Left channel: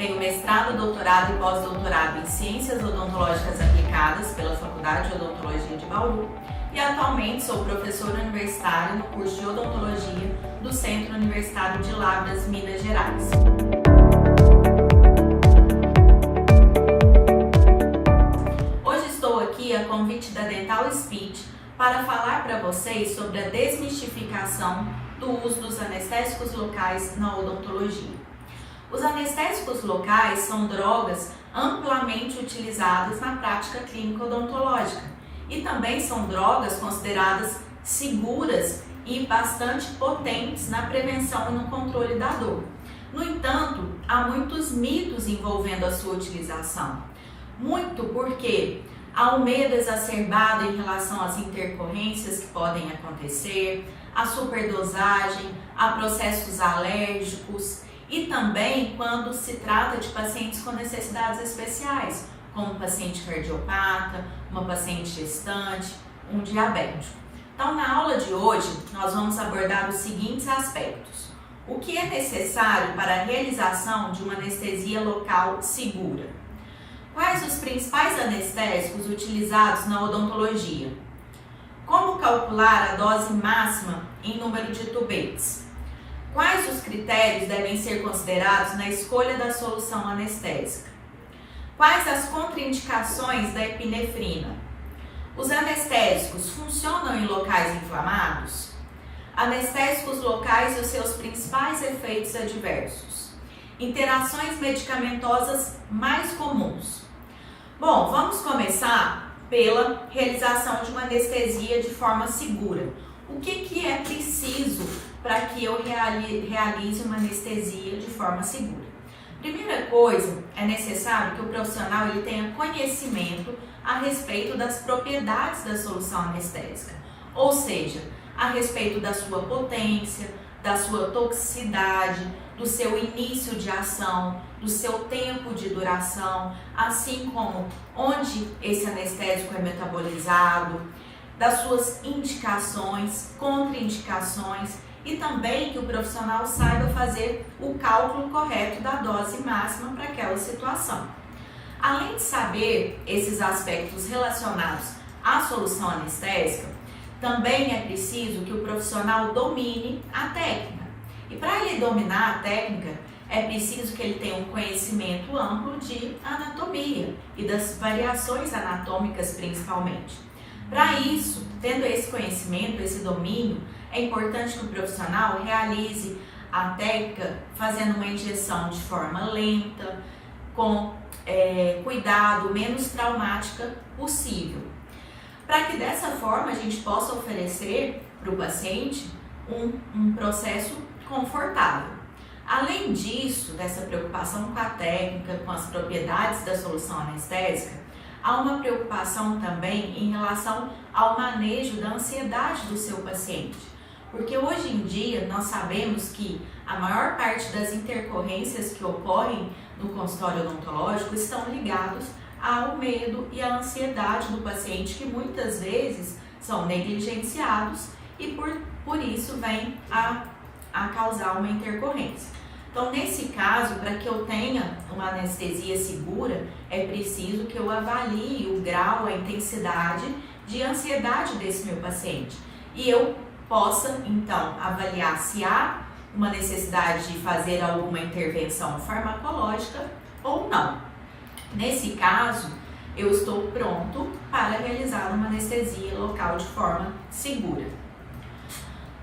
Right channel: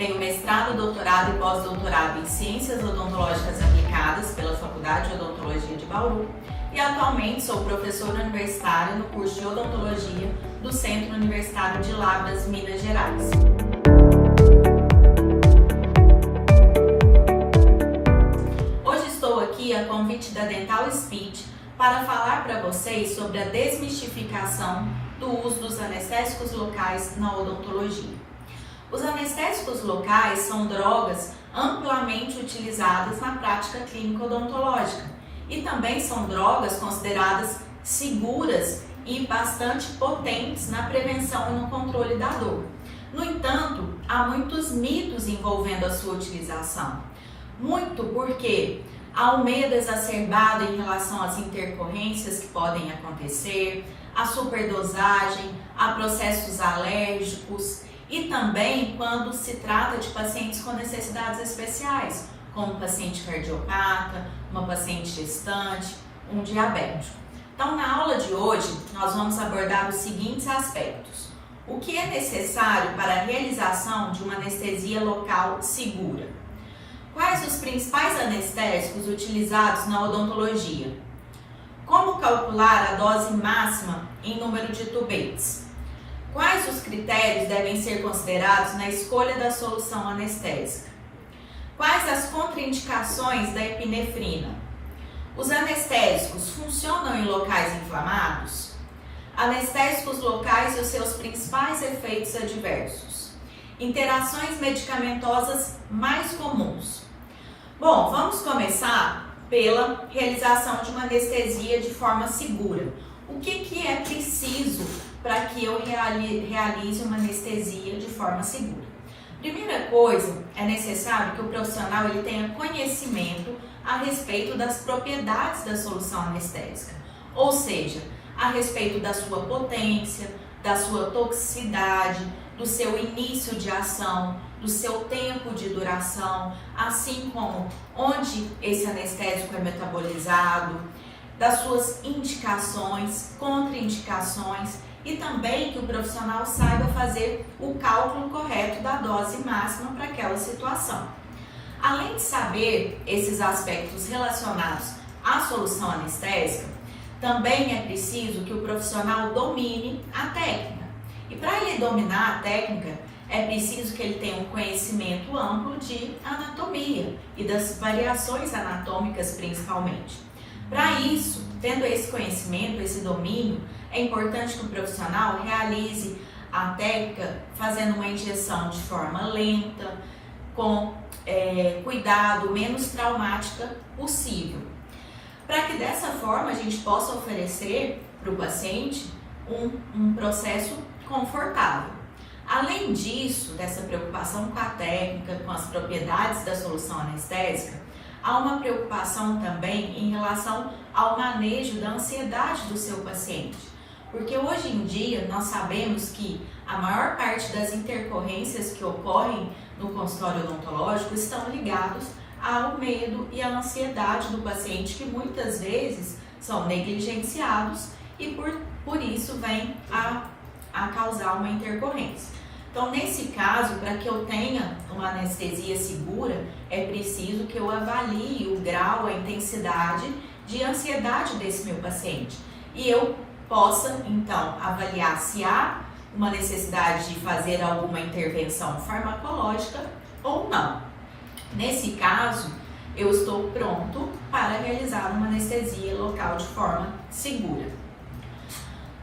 Tenho mestrado, doutorado e pós-doutorado em Ciências Odontológicas Aplicadas pela Faculdade de Odontologia de Bauru e atualmente sou professora universitária no curso de Odontologia do Centro Universitário de Lavras, Minas Gerais. Hoje estou aqui a convite da Dental Speech para falar para vocês sobre a desmistificação do uso dos anestésicos locais na odontologia. Os anestésicos locais são drogas amplamente utilizadas na prática clínica odontológica e também são drogas consideradas seguras e bastante potentes na prevenção e no controle da dor. No entanto, há muitos mitos envolvendo a sua utilização. Muito porque há um medo exacerbado em relação às intercorrências que podem acontecer, a superdosagem, a processos alérgicos e também quando se trata de pacientes com necessidades especiais, como um paciente cardiopata, uma paciente gestante, um diabético. Então, na aula de hoje, nós vamos abordar os seguintes aspectos. O que é necessário para a realização de uma anestesia local segura? Quais os principais anestésicos utilizados na odontologia? Como calcular a dose máxima em número de tubetes? Quais os critérios devem ser considerados na escolha da solução anestésica? Quais as contraindicações da epinefrina? Os anestésicos funcionam em locais inflamados? Anestésicos locais e os seus principais efeitos adversos? Interações medicamentosas mais comuns? Bom, vamos começar pela realização de uma anestesia de forma segura. O que é preciso para que eu realize uma anestesia de forma segura? Primeira coisa, é necessário que o profissional tenha conhecimento a respeito das propriedades da solução anestésica, ou seja, a respeito da sua potência, da sua toxicidade, do seu início de ação, do seu tempo de duração, assim como onde esse anestésico é metabolizado, das suas indicações, contraindicações e também que o profissional saiba fazer o cálculo correto da dose máxima para aquela situação. Além de saber esses aspectos relacionados à solução anestésica, também é preciso que o profissional domine a técnica. E para ele dominar a técnica, é preciso que ele tenha um conhecimento amplo de anatomia e das variações anatômicas principalmente. Para isso, tendo esse conhecimento, esse domínio, é importante que o profissional realize a técnica fazendo uma injeção de forma lenta, com cuidado, menos traumática possível, para que dessa forma a gente possa oferecer para o paciente um processo confortável. Além disso, dessa preocupação com a técnica, com as propriedades da solução anestésica, há uma preocupação também em relação ao manejo da ansiedade do seu paciente. Porque hoje em dia nós sabemos que a maior parte das intercorrências que ocorrem no consultório odontológico estão ligados ao medo e à ansiedade do paciente, que muitas vezes são negligenciados e por isso vem a causar uma intercorrência. Então, nesse caso, para que eu tenha uma anestesia segura, é preciso que eu avalie o grau, a intensidade de ansiedade desse meu paciente. E eu possa, então, avaliar se há uma necessidade de fazer alguma intervenção farmacológica ou não. Nesse caso, eu estou pronto para realizar uma anestesia local de forma segura.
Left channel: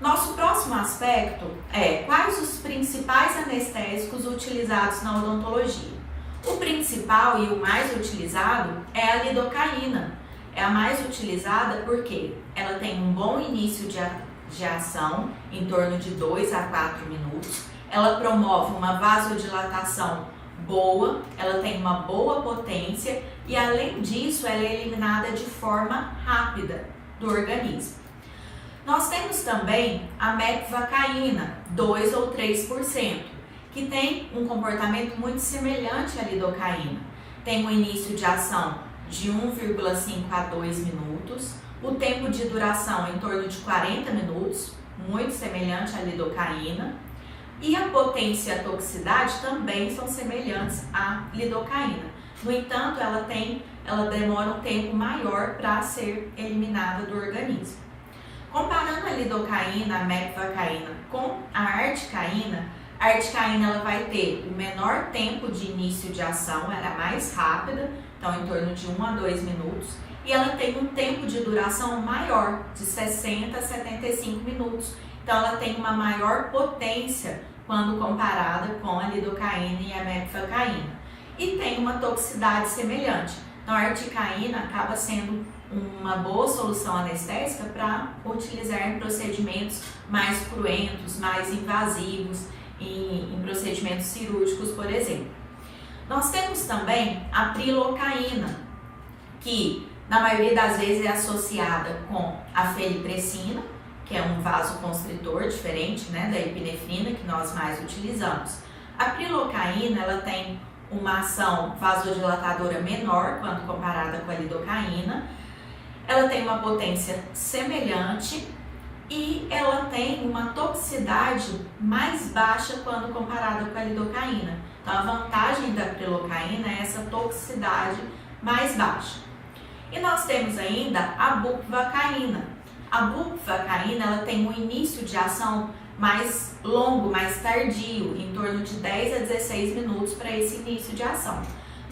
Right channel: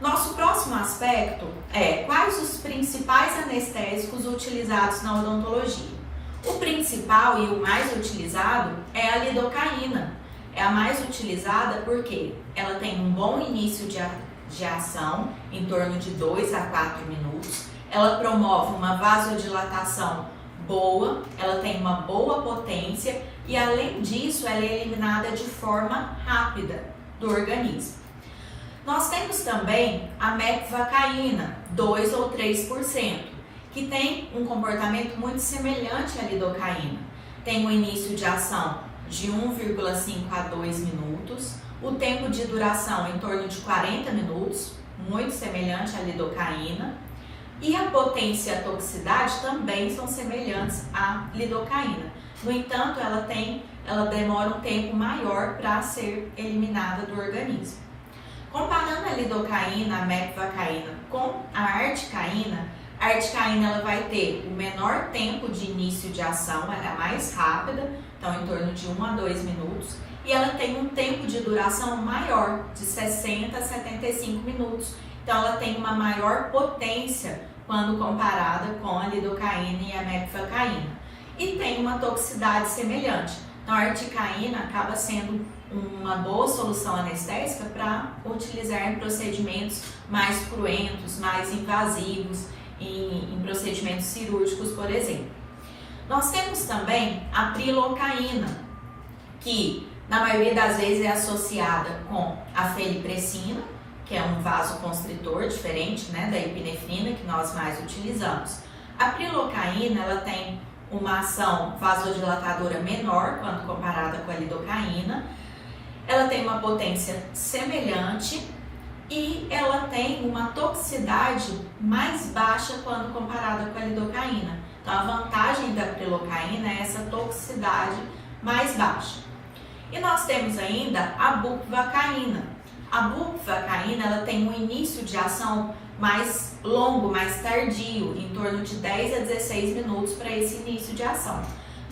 Nosso próximo aspecto é quais os principais anestésicos utilizados na odontologia. O principal e o mais utilizado é a lidocaína. É a mais utilizada porque ela tem um bom início de ação, em torno de 2 a 4 minutos. Ela promove uma vasodilatação boa, ela tem uma boa potência e, além disso, ela é eliminada de forma rápida do organismo. Nós temos também a mepivacaína, 2 ou 3%, que tem um comportamento muito semelhante à lidocaína. Tem um início de ação de 1,5 a 2 minutos, o tempo de duração em torno de 40 minutos, muito semelhante à lidocaína. E a potência e a toxicidade também são semelhantes à lidocaína. No entanto, ela demora um tempo maior para ser eliminada do organismo. Comparando a lidocaína, a mepivacaína com a articaína ela vai ter o menor tempo de início de ação, ela é mais rápida, então em torno de 1 a 2 minutos, e ela tem um tempo de duração maior, de 60 a 75 minutos. Então ela tem uma maior potência quando comparada com a lidocaína e a mepivacaína. E tem uma toxicidade semelhante. Então a articaína acaba sendo uma boa solução anestésica para utilizar em procedimentos mais cruentos, mais invasivos, em procedimentos cirúrgicos, por exemplo. Nós temos também a prilocaína, que na maioria das vezes é associada com a felipressina, que é um vasoconstritor diferente, né, da epinefrina, que nós mais utilizamos. A prilocaína, ela tem uma ação vasodilatadora menor quando comparada com a lidocaína, ela tem uma potência semelhante e ela tem uma toxicidade mais baixa quando comparada com a lidocaína. Então a vantagem da prilocaína é essa toxicidade mais baixa. E nós temos ainda a bupivacaína. A bupivacaína, ela tem um início de ação mais longo, mais tardio, em torno de 10 a 16 minutos para esse início de ação.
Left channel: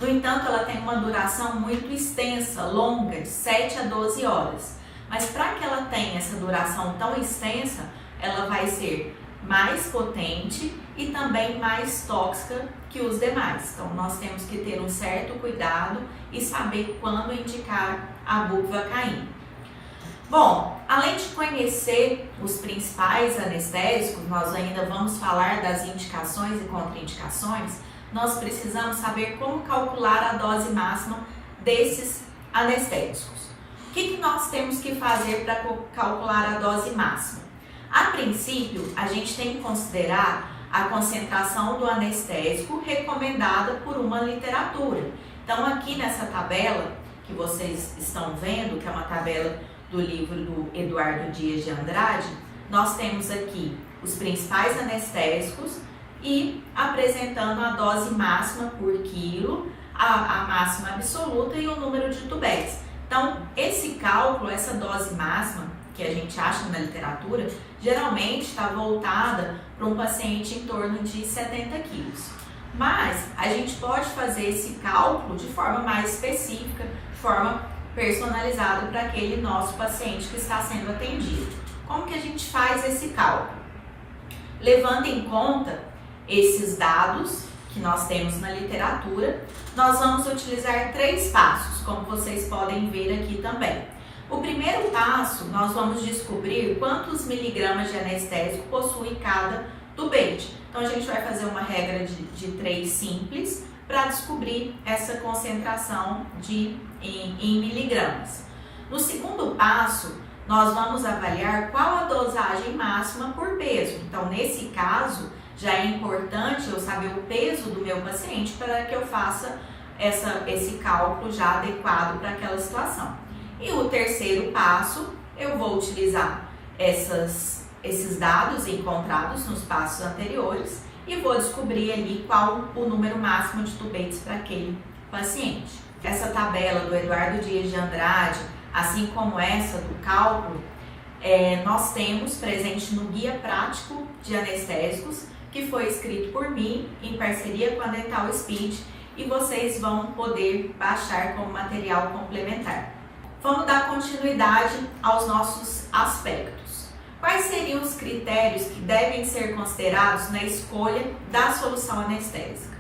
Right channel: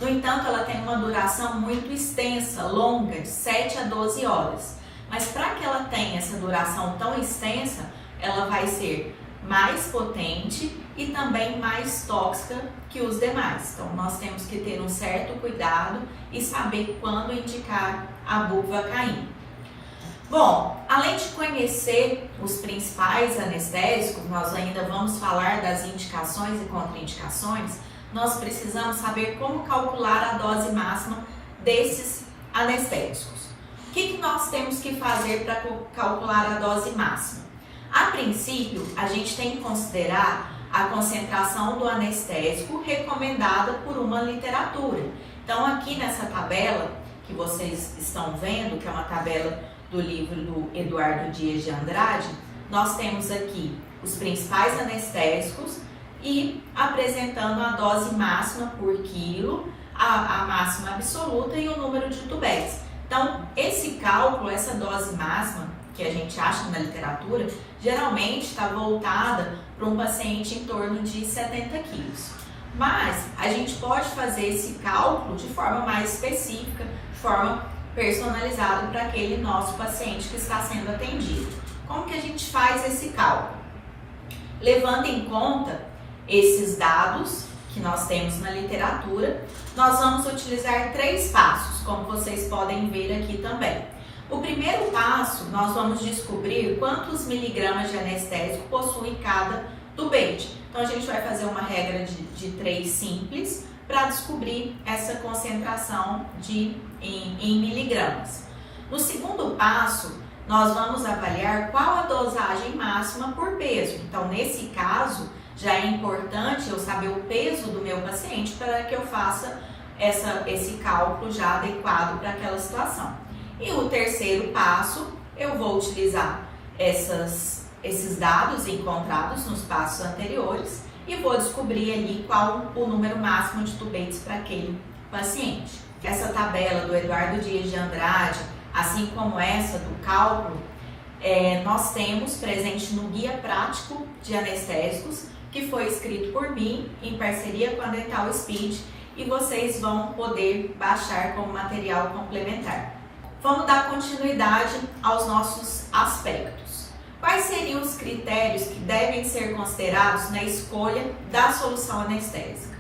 No entanto, ela tem uma duração muito extensa, longa, de 7 a 12 horas. Mas para que ela tenha essa duração tão extensa, ela vai ser mais potente e também mais tóxica que os demais. Então, nós temos que ter um certo cuidado e saber quando indicar a bupivacaína. Bom, além de conhecer os principais anestésicos, nós ainda vamos falar das indicações e contraindicações. Nós precisamos saber como calcular a dose máxima desses anestésicos. O que nós temos que fazer para calcular a dose máxima? A princípio, a gente tem que considerar a concentração do anestésico recomendada por uma literatura. Então, aqui nessa tabela que vocês estão vendo, que é uma tabela do livro do Eduardo Dias de Andrade, nós temos aqui os principais anestésicos e apresentando a dose máxima por quilo, a máxima absoluta e o número de tubéis. Então, esse cálculo, essa dose máxima que a gente acha na literatura, geralmente está voltada para um paciente em torno de 70 quilos. Mas a gente pode fazer esse cálculo de forma mais específica, de forma personalizada para aquele nosso paciente que está sendo atendido. Como que a gente faz esse cálculo? Levando em conta esses dados que nós temos na literatura, nós vamos utilizar 3 passos, como vocês podem ver aqui também. O primeiro passo, nós vamos descobrir quantos miligramas de anestésico possui cada tubete. Então, a gente vai fazer uma regra de 3 simples para descobrir essa concentração em miligramas. No segundo passo, nós vamos avaliar qual a dosagem máxima por peso. Então, nesse caso, já é importante eu saber o peso do meu paciente para que eu faça esse cálculo já adequado para aquela situação. E o terceiro passo, eu vou utilizar esses dados encontrados nos passos anteriores e vou descobrir ali qual o número máximo de tubetes para aquele paciente. Essa tabela do Eduardo Dias de Andrade, assim como essa do cálculo, nós temos presente no Guia Prático de Anestésicos, que foi escrito por mim em parceria com a Dental Speed, e vocês vão poder baixar como material complementar. Vamos dar continuidade aos nossos aspectos. Quais seriam os critérios que devem ser considerados na escolha da solução anestésica?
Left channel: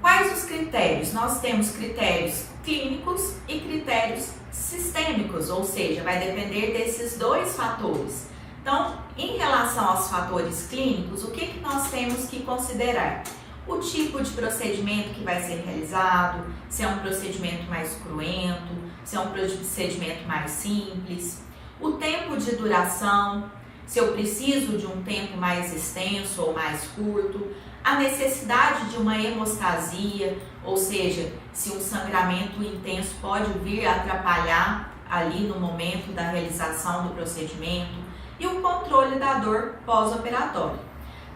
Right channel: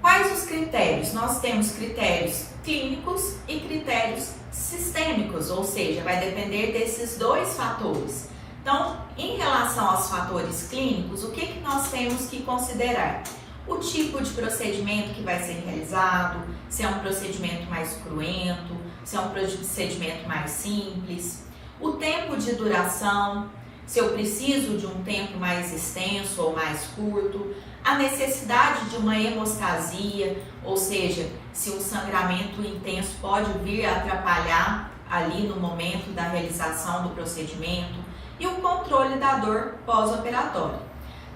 Quais os critérios? Nós temos critérios clínicos e critérios sistêmicos, ou seja, vai depender desses 2 fatores. Então, em relação aos fatores clínicos, o que nós temos que considerar? O tipo de procedimento que vai ser realizado, se é um procedimento mais cruento, se é um procedimento mais simples, o tempo de duração, se eu preciso de um tempo mais extenso ou mais curto, a necessidade de uma hemostasia, ou seja, se um sangramento intenso pode vir a atrapalhar ali no momento da realização do procedimento, e o controle da dor pós-operatória.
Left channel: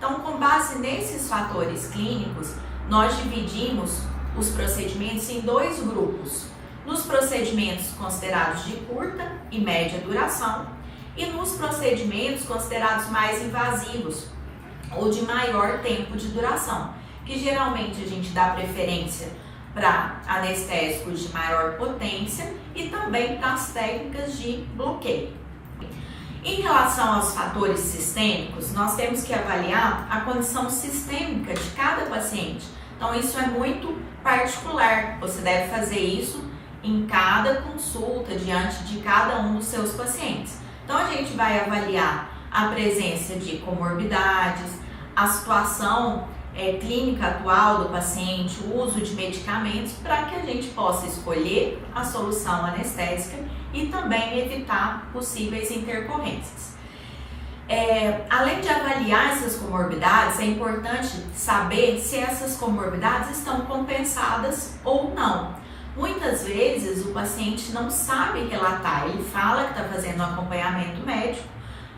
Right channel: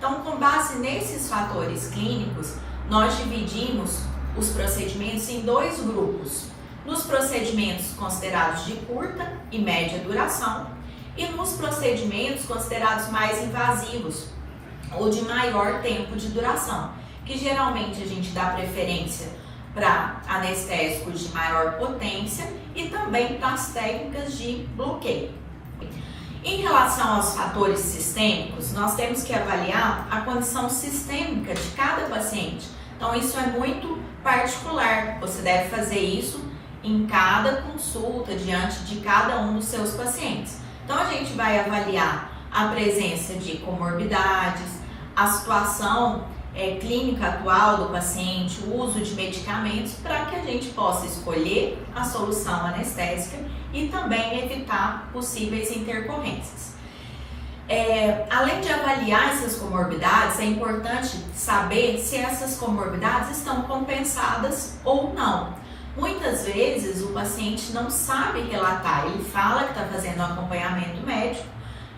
Então, com base nesses fatores clínicos, nós dividimos os procedimentos em 2 grupos. Nos procedimentos considerados de curta e média duração e nos procedimentos considerados mais invasivos ou de maior tempo de duração, que geralmente a gente dá preferência para anestésicos de maior potência e também para as técnicas de bloqueio. Em relação aos fatores sistêmicos, nós temos que avaliar a condição sistêmica de cada paciente. Então, isso é muito particular, você deve fazer isso em cada consulta, diante de cada um dos seus pacientes. Então, a gente vai avaliar a presença de comorbidades, a situação clínica atual do paciente, o uso de medicamentos, para que a gente possa escolher a solução anestésica e também evitar possíveis intercorrências. Além de avaliar essas comorbidades, é importante saber se essas comorbidades estão compensadas ou não. Muitas vezes o paciente não sabe relatar, ele fala que está fazendo um acompanhamento médico,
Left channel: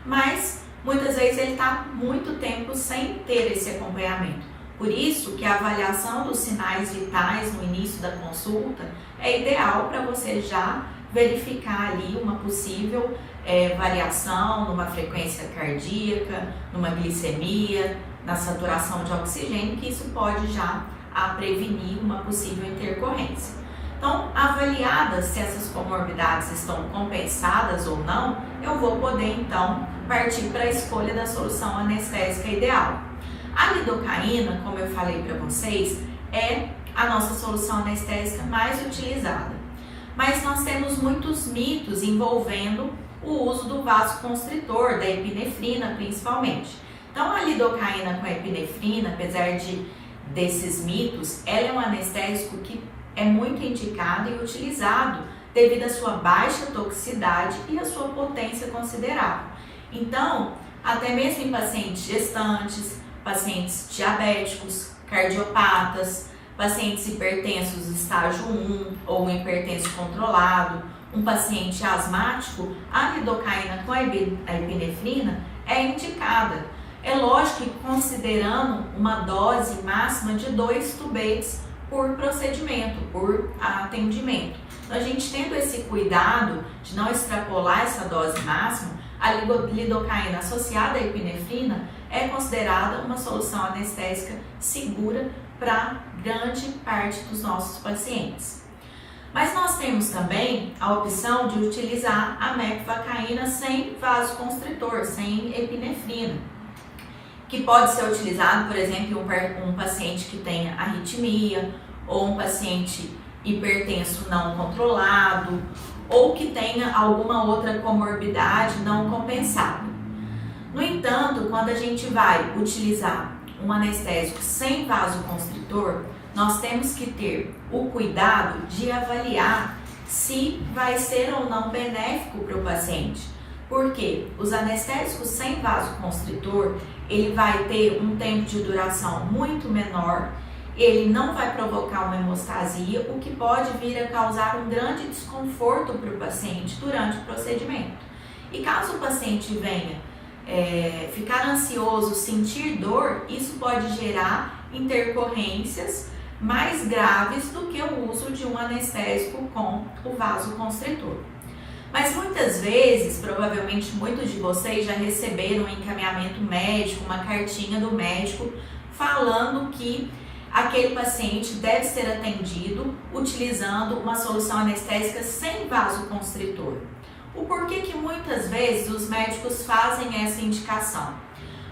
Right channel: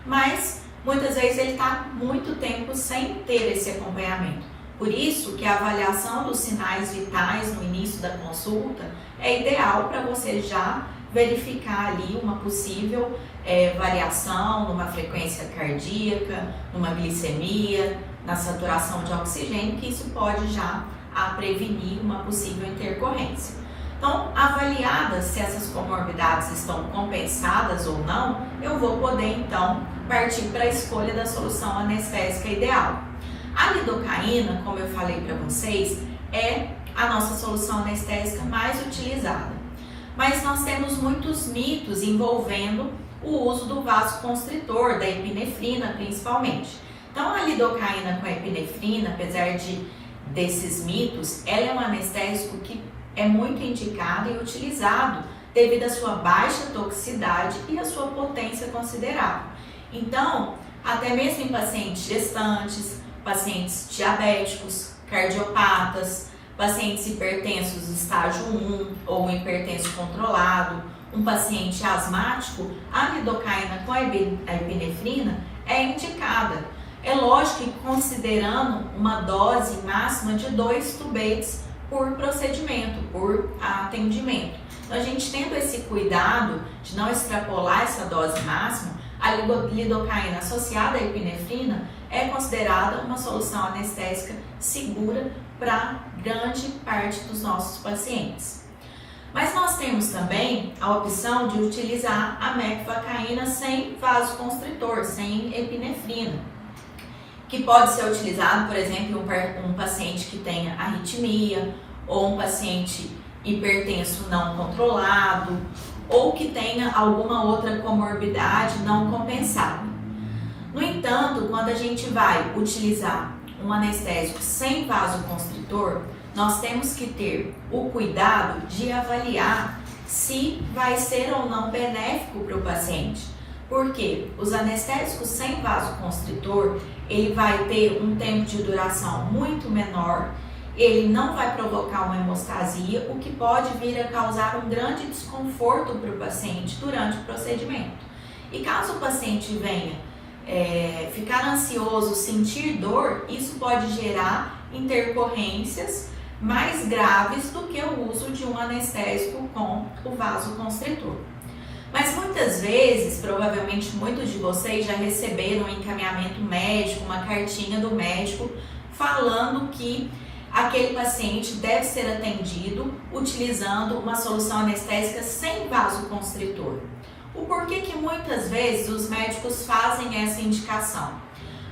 mas muitas vezes ele está muito tempo sem ter esse acompanhamento. Por isso que a avaliação dos sinais vitais no início da consulta é ideal para você já verificar ali uma possível variação numa frequência cardíaca, numa glicemia, na saturação de oxigênio, que isso pode já prevenir uma possível intercorrência. Então, avaliadas se essas comorbidades estão compensadas ou não, eu vou poder então partir para a escolha da solução anestésica ideal. A lidocaína, como eu falei para vocês, é a nossa solução anestésica mais utilizada. Mas nós temos muitos mitos envolvendo o uso do vasoconstritor, da epinefrina principalmente. Então, a lidocaína com a epinefrina, apesar desses mitos, ela é um anestésico que é muito indicado e utilizado devido à sua baixa toxicidade e à sua potência considerável. Então, até mesmo em pacientes gestantes, pacientes diabéticos, cardiopatas, pacientes hipertensos estágio 1 ou hipertenso controlado, um paciente asmático, a lidocaína com a epinefrina é indicada. É lógico que considerando uma dose máxima de 2 tubetes por procedimento, por atendimento. Então, a gente tendo esse cuidado de não extrapolar essa dose máxima, a lidocaína associada à epinefrina é considerada uma solução anestésica segura para grande parte dos nossos pacientes. Mas nós temos também a opção de utilizar a meclovacaína sem vasoconstritor, sem epinefrina, que pode ser utilizado, por exemplo, em um paciente que tenha arritmia, ou um paciente hipertenso não controlado, ou que tenha alguma outra comorbidade não compensada. No entanto, quando a gente vai utilizar um anestésico sem vasoconstritor, nós temos que ter o cuidado de avaliar se vai ser ou não benéfico para o paciente. Porque os anestésicos sem vasoconstritor, ele vai ter um tempo de duração muito menor, ele não vai provocar uma hemostasia, o que pode vir a causar um grande desconforto para o paciente durante o procedimento. E caso o paciente venha ficar ansioso, sentir dor, isso pode gerar intercorrências mais graves do que o uso de um anestésico com o vasoconstritor. Mas muitas vezes, provavelmente muitos de vocês já receberam um encaminhamento médico, uma cartinha do médico falando que aquele paciente deve ser atendido utilizando uma solução anestésica sem vasoconstritor. O porquê que muitas vezes os médicos fazem essa indicação?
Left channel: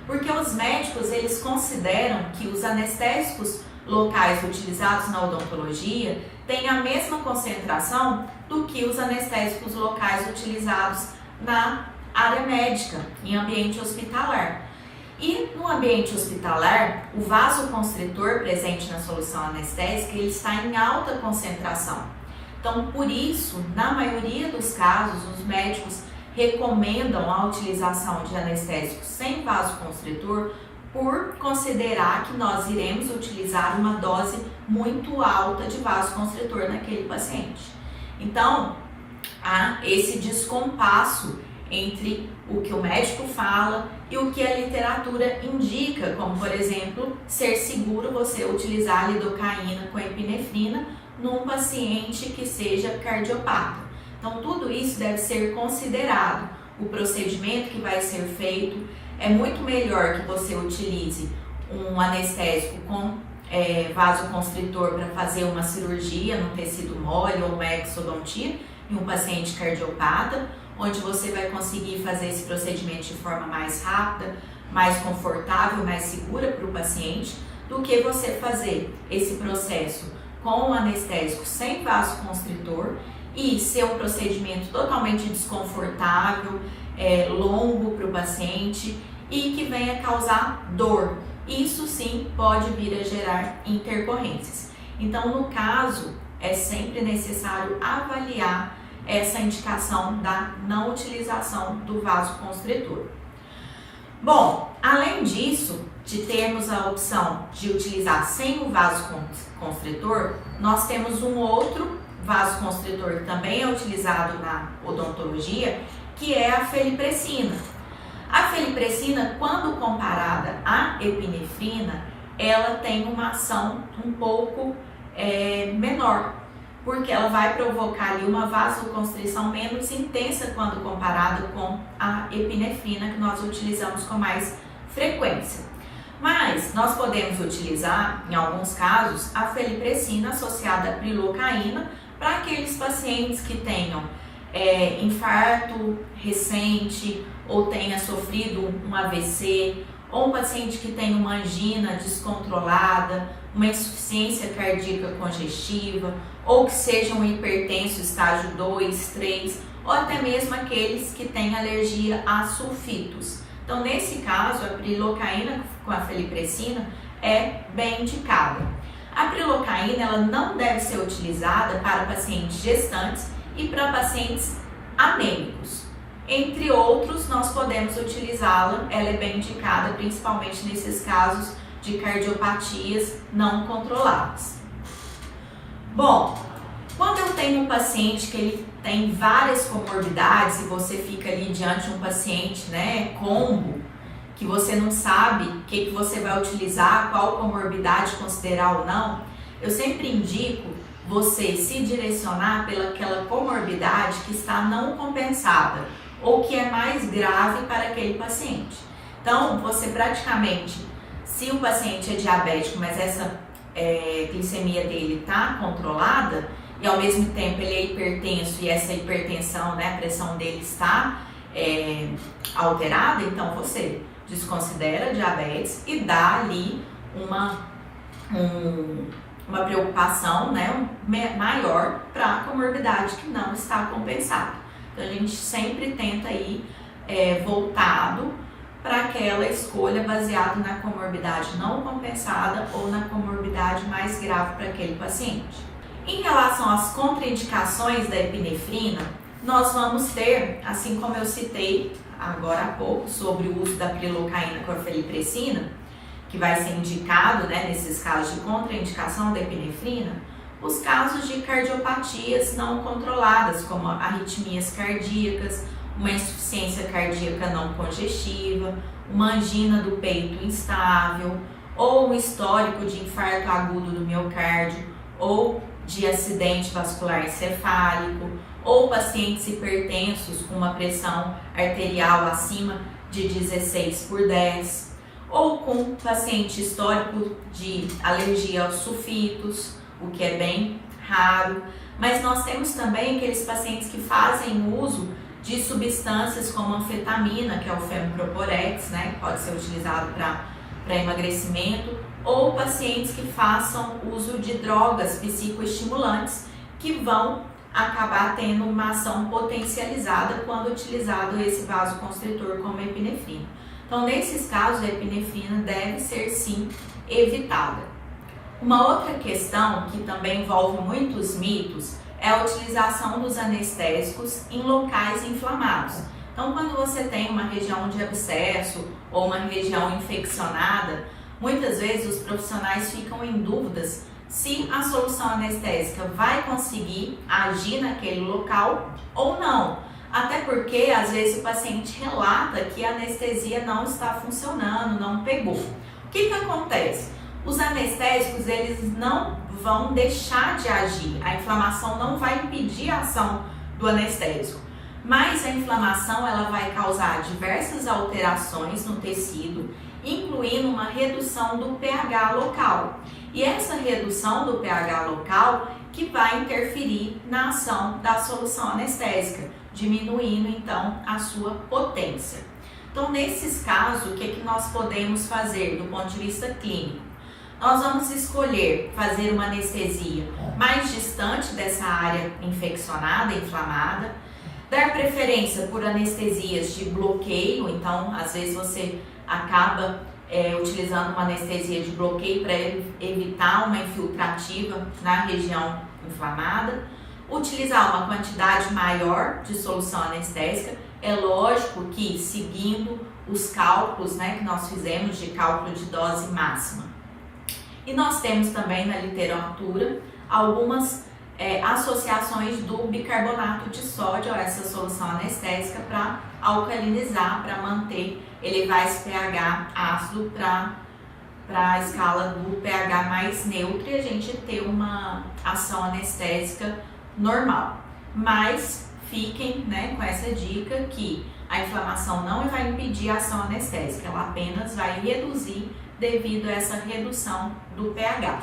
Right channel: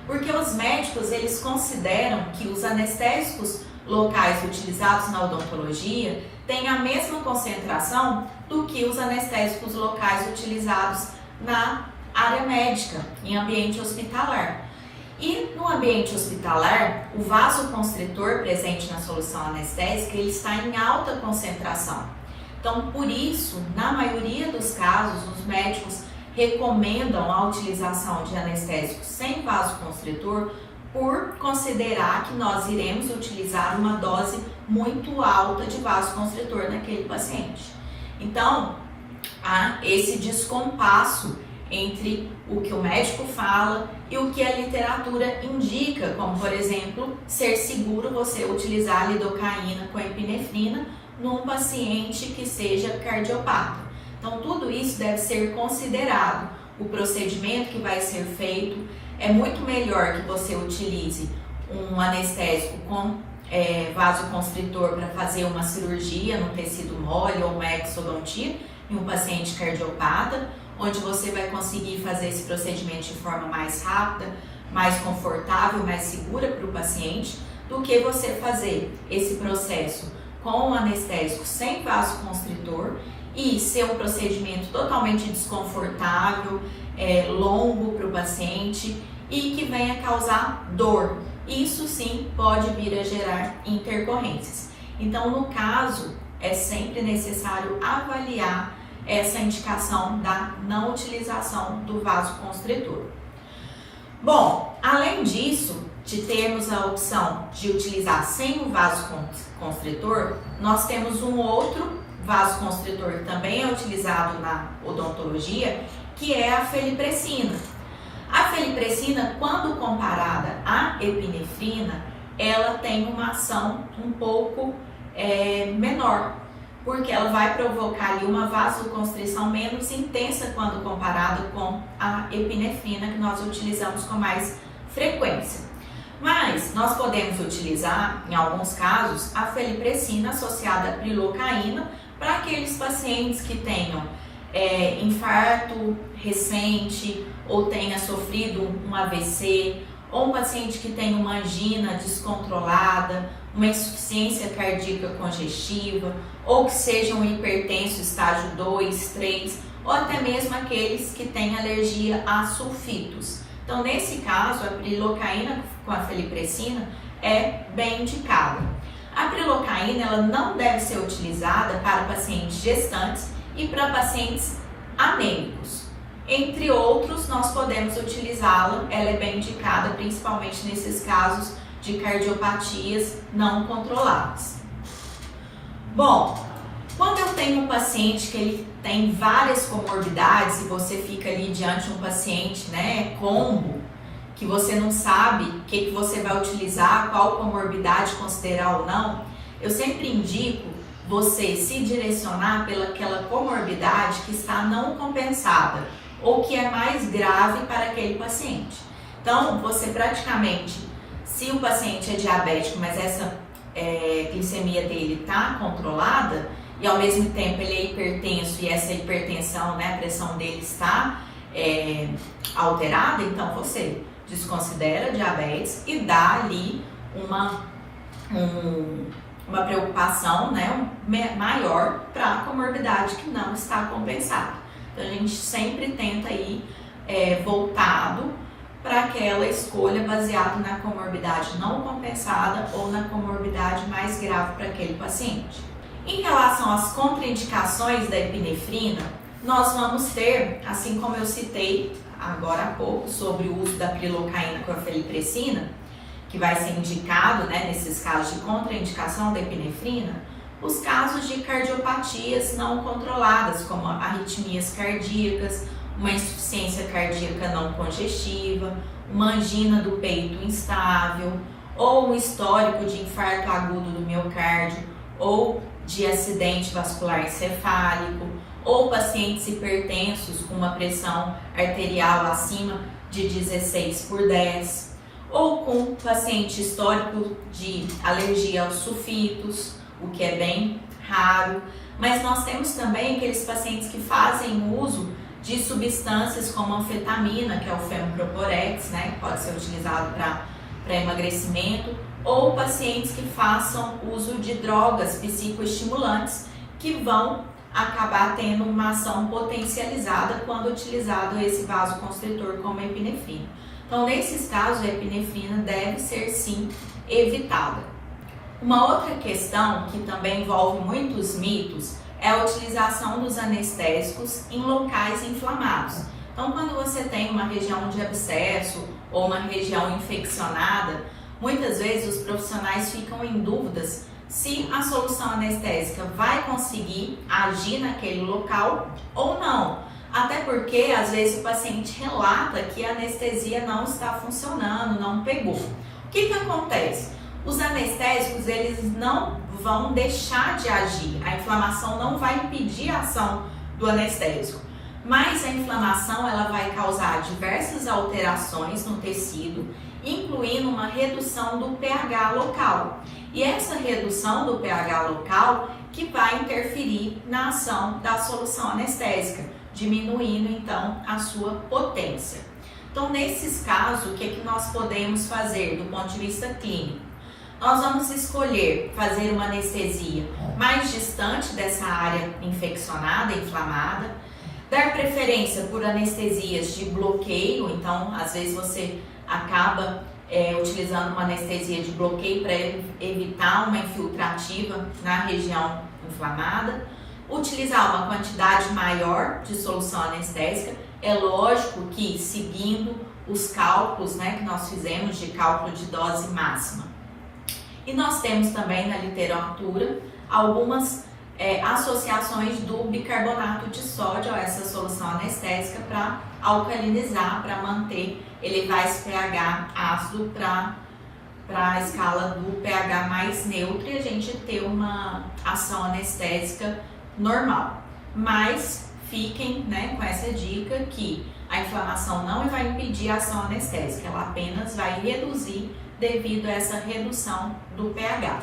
Porque os médicos, eles consideram que os anestésicos locais utilizados na odontologia têm a mesma concentração do que os anestésicos locais utilizados na área médica, em ambiente hospitalar. E no ambiente hospitalar, o vasoconstritor presente na solução anestésica, ele está em alta concentração. Então, por isso, na maioria dos casos, os médicos recomendam a utilização de anestésicos sem vasoconstritor por considerar que nós iremos utilizar uma dose muito alta de vasoconstritor naquele paciente. Então, há esse descompasso entre o que o médico fala e o que a literatura indica, como por exemplo, ser seguro você utilizar a lidocaína com epinefrina num paciente que seja cardiopata. Então tudo isso deve ser considerado. O procedimento que vai ser feito é muito melhor que você utilize um anestésico com vasoconstritor para fazer uma cirurgia no tecido mole ou uma exodontia em um paciente cardiopata, onde você vai conseguir fazer esse procedimento de forma mais rápida, mais confortável, mais segura para o paciente, do que você fazer esse processo com um anestésico sem vasoconstritor e ser um procedimento totalmente desconfortável, longo para o paciente e que venha causar dor. Isso sim pode vir a gerar intercorrências. Então, no caso, é sempre necessário avaliar essa indicação da não utilização do vasoconstritor. Bom, além disso, de termos a opção de utilizar sem o vasoconstritor, nós temos um outro vasoconstritor que também é utilizado na odontologia, que é a felipressina. A felipressina, quando comparada à epinefrina, ela tem uma ação um pouco menor, porque ela vai provocar ali uma vasoconstrição menos intensa quando comparada com a epinefrina, que nós utilizamos com mais frequência. Mas nós podemos utilizar, em alguns casos, a felipressina associada à prilocaína para aqueles pacientes que tenham infarto recente ou tenha sofrido um AVC, ou um paciente que tem uma angina descontrolada, uma insuficiência cardíaca congestiva, ou que seja um hipertenso estágio 2, 3, ou até mesmo aqueles que têm alergia a sulfitos. Então, nesse caso, a prilocaína com a felipressina é bem indicada. A prilocaína ela não deve ser utilizada para pacientes gestantes e para pacientes anêmicos. Entre outros, nós podemos utilizá-la, ela é bem indicada principalmente nesses casos de cardiopatias não controladas. Bom, quando eu tenho um paciente que ele tem várias comorbidades e você fica ali diante de um paciente, combo, que você não sabe o que você vai utilizar, qual comorbidade considerar ou não, eu sempre indico você se direcionar pelaquela comorbidade que está não compensada ou que é mais grave para aquele paciente. Então, você praticamente, se o paciente é diabético, mas essa glicemia dele está controlada e ao mesmo tempo ele é hipertenso e essa hipertensão, a pressão dele está alterada, então você desconsidera diabetes e dá ali uma preocupação maior para a comorbidade que não está compensada. Então, a gente sempre tenta ir voltado para aquela escolha baseada na comorbidade não compensada ou na comorbidade mais grave para aquele paciente. Em relação às contraindicações da epinefrina, nós vamos ter, assim como eu citei agora há pouco, sobre o uso da prilocaína com a felipressina, que vai ser indicado nesses casos de contraindicação da epinefrina, os casos de cardiopatias não controladas, como arritmias cardíacas, uma insuficiência cardíaca não congestiva, uma angina do peito instável, ou um histórico de infarto agudo do miocárdio, ou de acidente vascular encefálico, ou pacientes hipertensos com uma pressão arterial acima de 16/10, ou com paciente histórico de alergia aos sulfitos, o que é bem raro. Mas nós temos também aqueles pacientes que fazem uso de substâncias como anfetamina, que é o Femproporex, que pode ser utilizado para emagrecimento, ou pacientes que façam uso de drogas psicoestimulantes que vão acabar tendo uma ação potencializada quando utilizado esse vasoconstritor como a epinefrina. Então, nesses casos, a epinefrina deve ser sim evitada. Uma outra questão que também envolve muitos mitos é a utilização dos anestésicos em locais inflamados. Então, quando você tem uma região de abscesso ou uma região infeccionada, muitas vezes os profissionais ficam em dúvidas se a solução anestésica vai conseguir agir naquele local ou não. Até porque às vezes o paciente relata que a anestesia não está funcionando, não pegou. O que acontece? Os anestésicos, eles não vão deixar de agir, a inflamação não vai impedir a ação do anestésico, mas a inflamação ela vai causar diversas alterações no tecido, incluindo uma redução do pH local. E essa redução do pH local que vai interferir na ação da solução anestésica, diminuindo então a sua potência. Então, nesses casos, o que nós podemos fazer do ponto de vista clínico? Nós vamos escolher fazer uma anestesia mais distante dessa área infeccionada, inflamada, dar preferência por anestesias de bloqueio, então às vezes você acaba utilizando uma anestesia de bloqueio para evitar uma infiltrativa na região inflamada, utilizar uma quantidade maior de solução anestésica, é lógico que seguindo os cálculos, que nós fizemos de cálculo de dose máxima. E nós temos também na literatura algumas associações do bicarbonato de sódio a essa solução anestésica para alcalinizar, para manter, elevar esse pH ácido para a escala do pH mais neutro e a gente ter uma ação anestésica normal. Mas fiquem com essa dica que a inflamação não vai impedir a ação anestésica, ela apenas vai reduzir devido a essa redução do pH.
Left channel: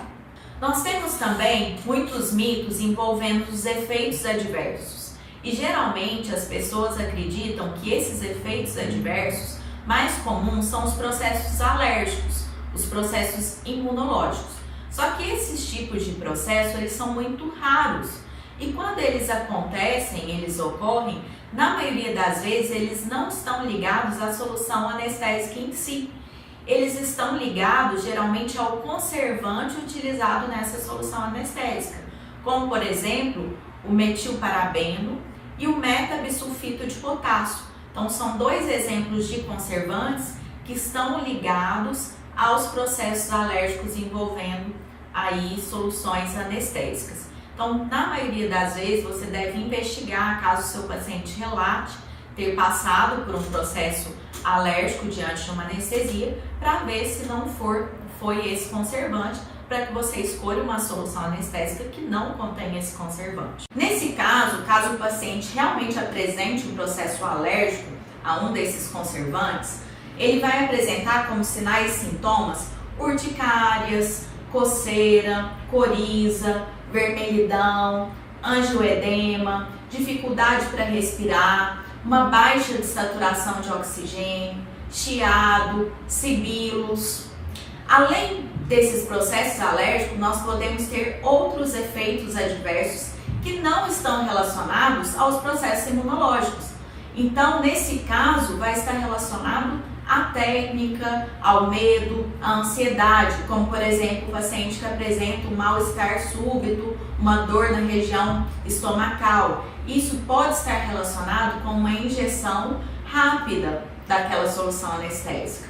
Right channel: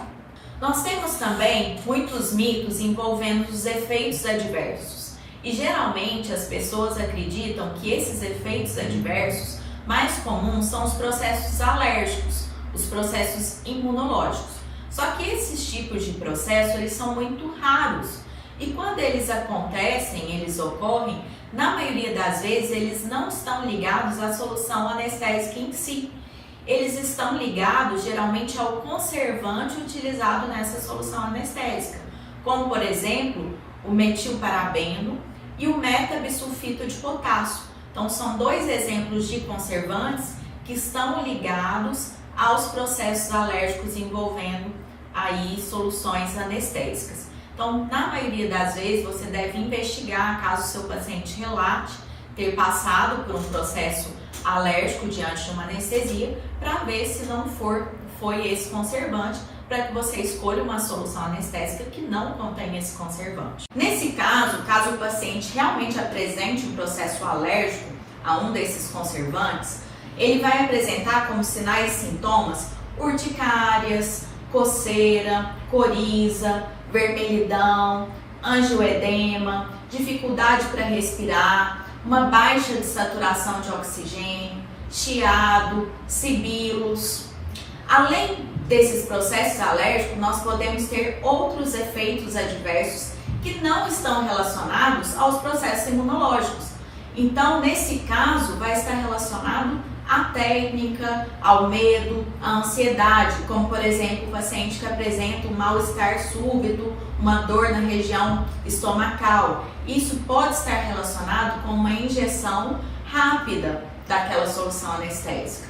Nós temos também muitos mitos envolvendo os efeitos adversos e geralmente as pessoas acreditam que esses efeitos adversos mais comuns são os processos alérgicos, os processos imunológicos. Só que esses tipos de processos eles são muito raros e quando eles acontecem, eles ocorrem, na maioria das vezes eles não estão ligados à solução anestésica em si. Eles estão ligados geralmente ao conservante utilizado nessa solução anestésica, como por exemplo o metilparabeno e o metabisulfito de potássio. Então são dois exemplos de conservantes que estão ligados aos processos alérgicos envolvendo aí soluções anestésicas. Então, na maioria das vezes, você deve investigar caso o seu paciente relate ter passado por um processo alérgico diante de uma anestesia, para ver se não foi esse conservante, para que você escolha uma solução anestésica que não contém esse conservante. Nesse caso o paciente realmente apresente um processo alérgico a um desses conservantes, ele vai apresentar como sinais e sintomas urticárias, coceira, coriza, vermelhidão, angioedema, dificuldade para respirar, uma baixa de saturação de oxigênio, chiado, sibilos. Além desses processos alérgicos, nós podemos ter outros efeitos adversos que não estão relacionados aos processos imunológicos. Então, nesse caso, vai estar relacionado à técnica, ao medo, à ansiedade, como por exemplo o paciente que apresenta um mal-estar súbito, uma dor na região estomacal. Isso pode estar relacionado com uma injeção rápida daquela solução anestésica.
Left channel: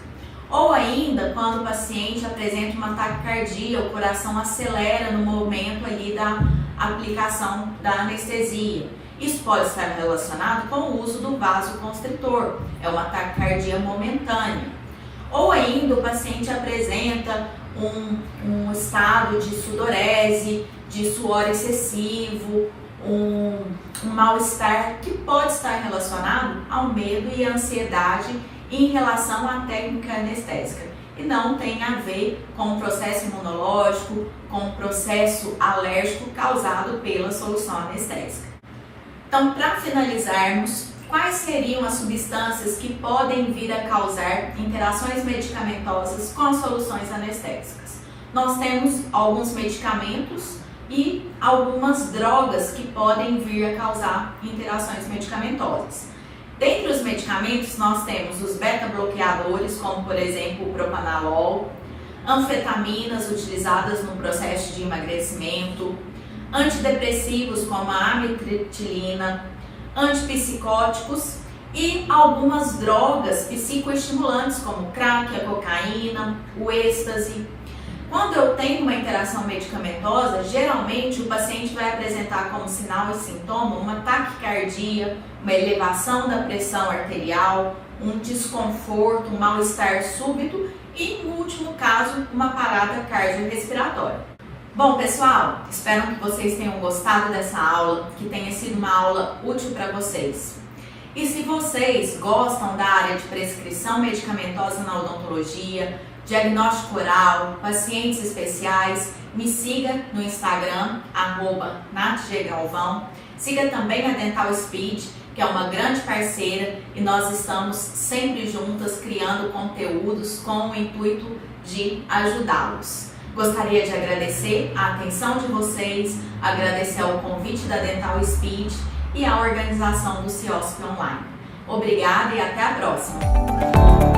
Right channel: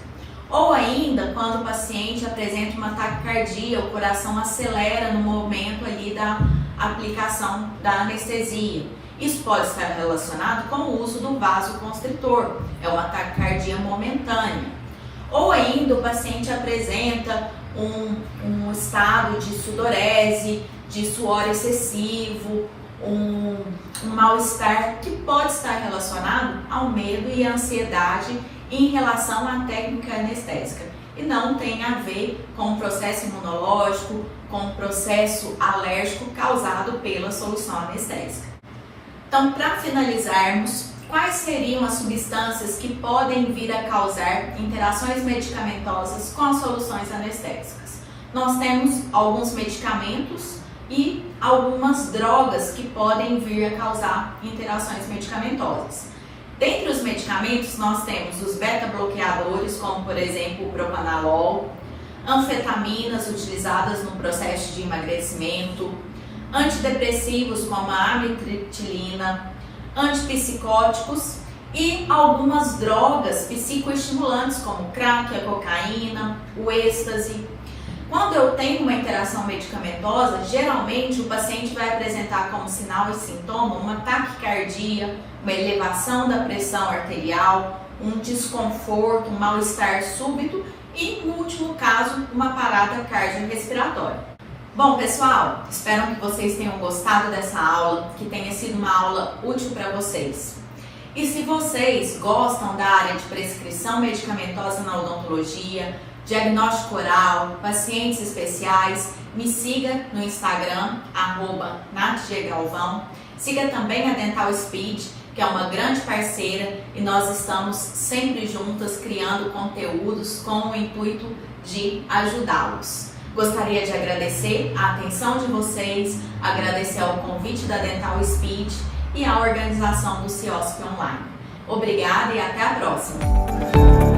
Ou ainda, quando o paciente apresenta uma taquicardia, o coração acelera no momento ali da aplicação da anestesia. Isso pode estar relacionado com o uso do vasoconstritor, é uma taquicardia momentânea. Ou ainda o paciente apresenta um estado de sudorese, de suor excessivo, um mal-estar que pode estar relacionado ao medo e à ansiedade em relação à técnica anestésica e não tem a ver com o processo imunológico, com o processo alérgico causado pela solução anestésica. Então, para finalizarmos, quais seriam as substâncias que podem vir a causar interações medicamentosas com as soluções anestésicas? Nós temos alguns medicamentos e algumas drogas que podem vir a causar interações medicamentosas. Dentre os medicamentos, nós temos os beta-bloqueadores, como por exemplo o propanolol, anfetaminas utilizadas no processo de emagrecimento, antidepressivos como a amitriptilina, antipsicóticos e algumas drogas psicoestimulantes como crack, a cocaína, o êxtase. Quando eu tenho uma interação medicamentosa, geralmente o paciente vai apresentar como sinal e sintoma uma taquicardia, uma elevação da pressão arterial, um desconforto, um mal-estar súbito e, no último caso, uma parada cardiorrespiratória. Bom, pessoal, espero que vocês tenham gostado dessa aula, que tenha sido uma aula útil para vocês. E se vocês gostam da área de prescrição medicamentosa na odontologia, diagnóstico oral, pacientes especiais, me siga no Instagram, @natggalvão. Siga também a Dental Speed, que é uma grande parceira, e nós estamos sempre juntas criando conteúdos com o intuito de ajudá-los. Gostaria de agradecer a atenção de vocês, agradecer ao convite da Dental Speed e à organização do CIOSP Online. Obrigada e até a próxima!